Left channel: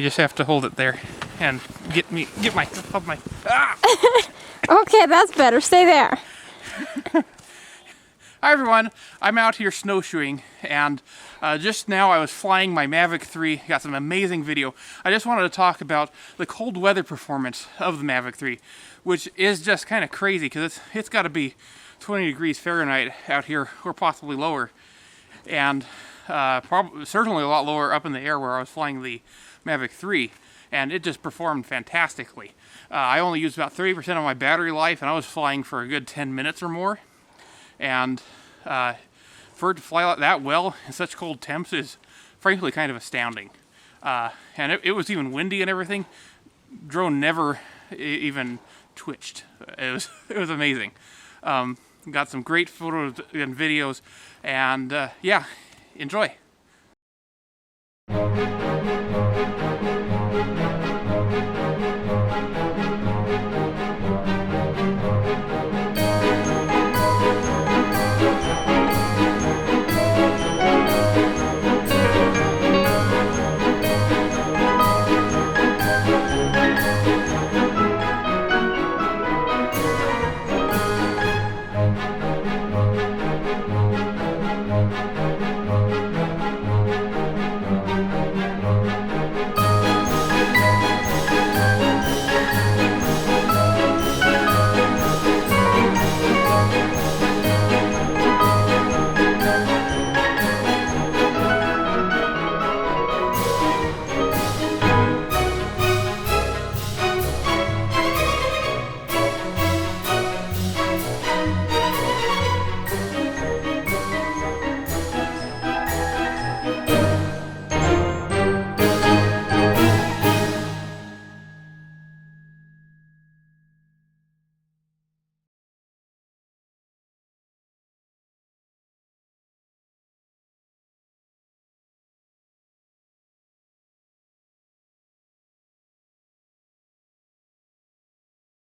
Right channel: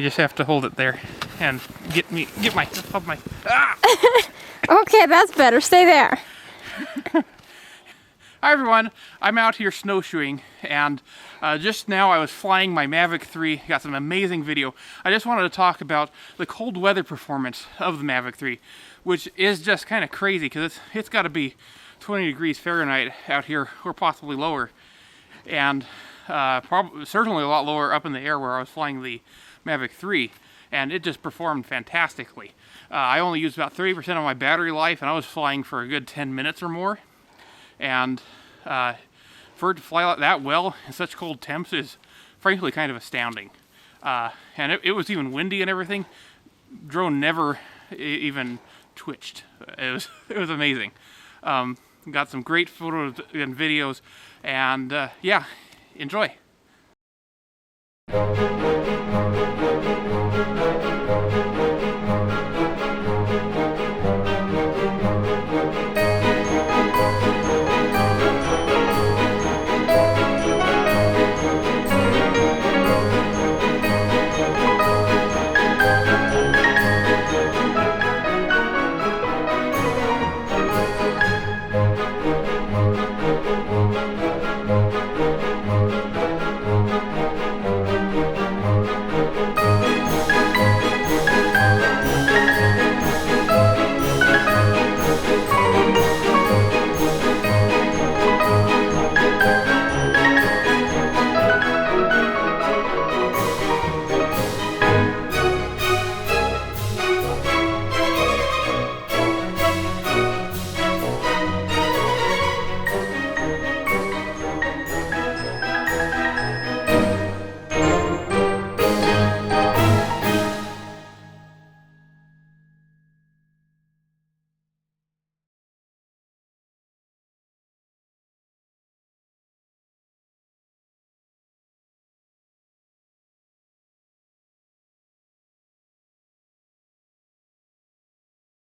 You just have to hold it there and get my ah! Okay, that's better. Stay there. Hi everyone, I'm out here snowshoeing, and just now I was flying my Mavic 3, got some amazing video. I just wanted to talk about the cold weather performance of the Mavic 3, which is just kind of crazy because it's got to be 20 degrees Fahrenheit out here, or possibly lower, and certainly a lot lower up in the air where I was flying the Mavic 3, and it just performed fantastically. I only used about 30% of my battery life, and I was flying for a good 10 minutes or more. And for it to fly that well in such cold temps is frankly kind of astounding. And it was even windy and everything. Drone never even twitched. It was amazing. Got some great photos and videos, and yeah, enjoy.